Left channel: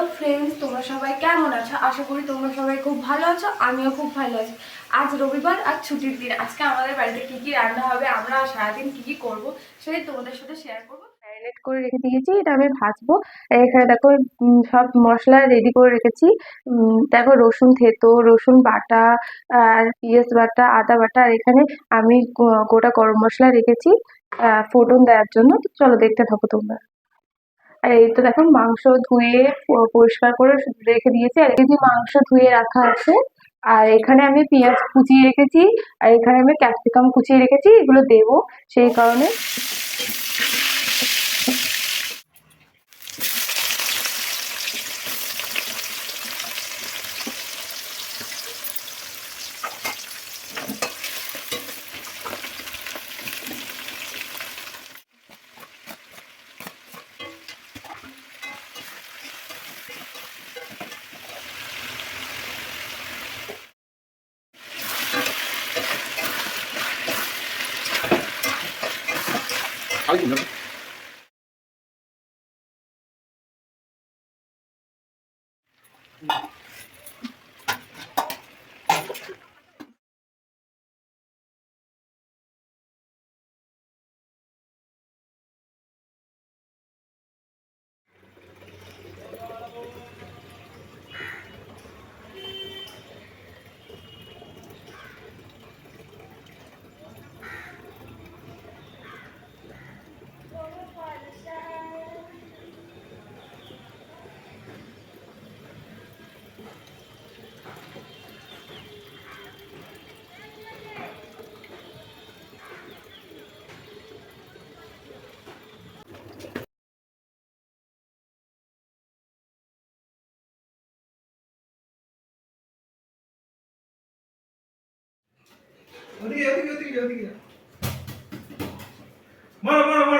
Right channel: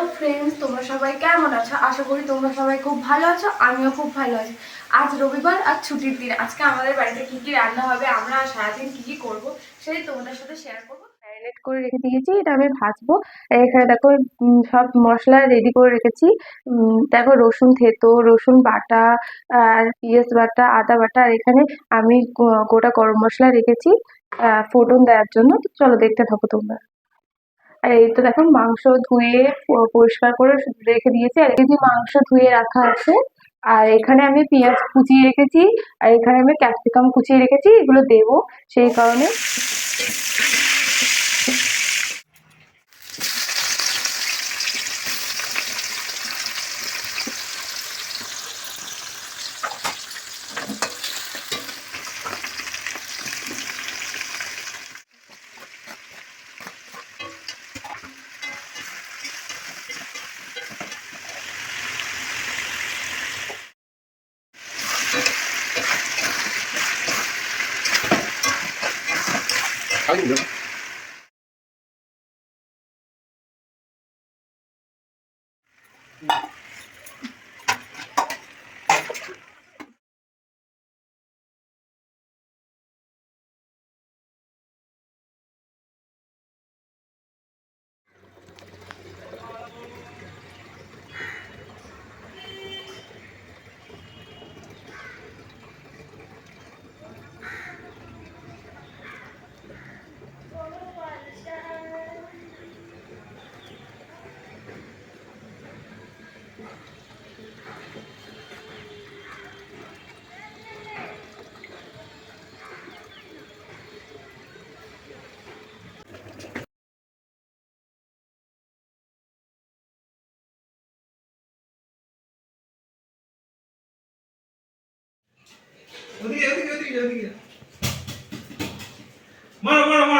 Hello friends, তোমরা সবাই কেমন আছো? আশা করি তোমরা সবাই খুব ভালো আছো। আমিও খুব ভালো আছি। আজ রবিবার আর ছুটির দিন। আজকে আমাদের বাড়িতে কী কী রান্না হবে, আমরা সারাদিন কী কী করবো সেটাই তোমাদের সাথে শেয়ার করবো। ম্যারিনেট করে রেখে দিয়েছি, এটা আমি ভাজবো। আর এখানে দেখো সব মশলা রেডি করে রেখেছি। দেখো রসুন থেতো, রসুন বাটা, আর পেঁয়াজ বাটা, আদা বাটা, আর এখানে আমি গোটা গরম মশলা রেখেছি ফোড়ন দেওয়ার জন্য। তো চলো দেখতে থাকো তোমরা। আর এই তো দেখো মাংস ধুয়ে পরিষ্কার করে রেখে দিয়েছি। আর কেজি মাংস ধুয়ে রাখা আছে। আর এখানে আমি পেঁয়াজ কুচিয়ে রেখেছি, আর এখানে আমি ক্যাপসিকাম কুচিয়ে রেখেছি, এগুলো দেবো সেই কারণে। ওদিকে ওদিকে ওদিকে ওদিকে মারো মারো মারো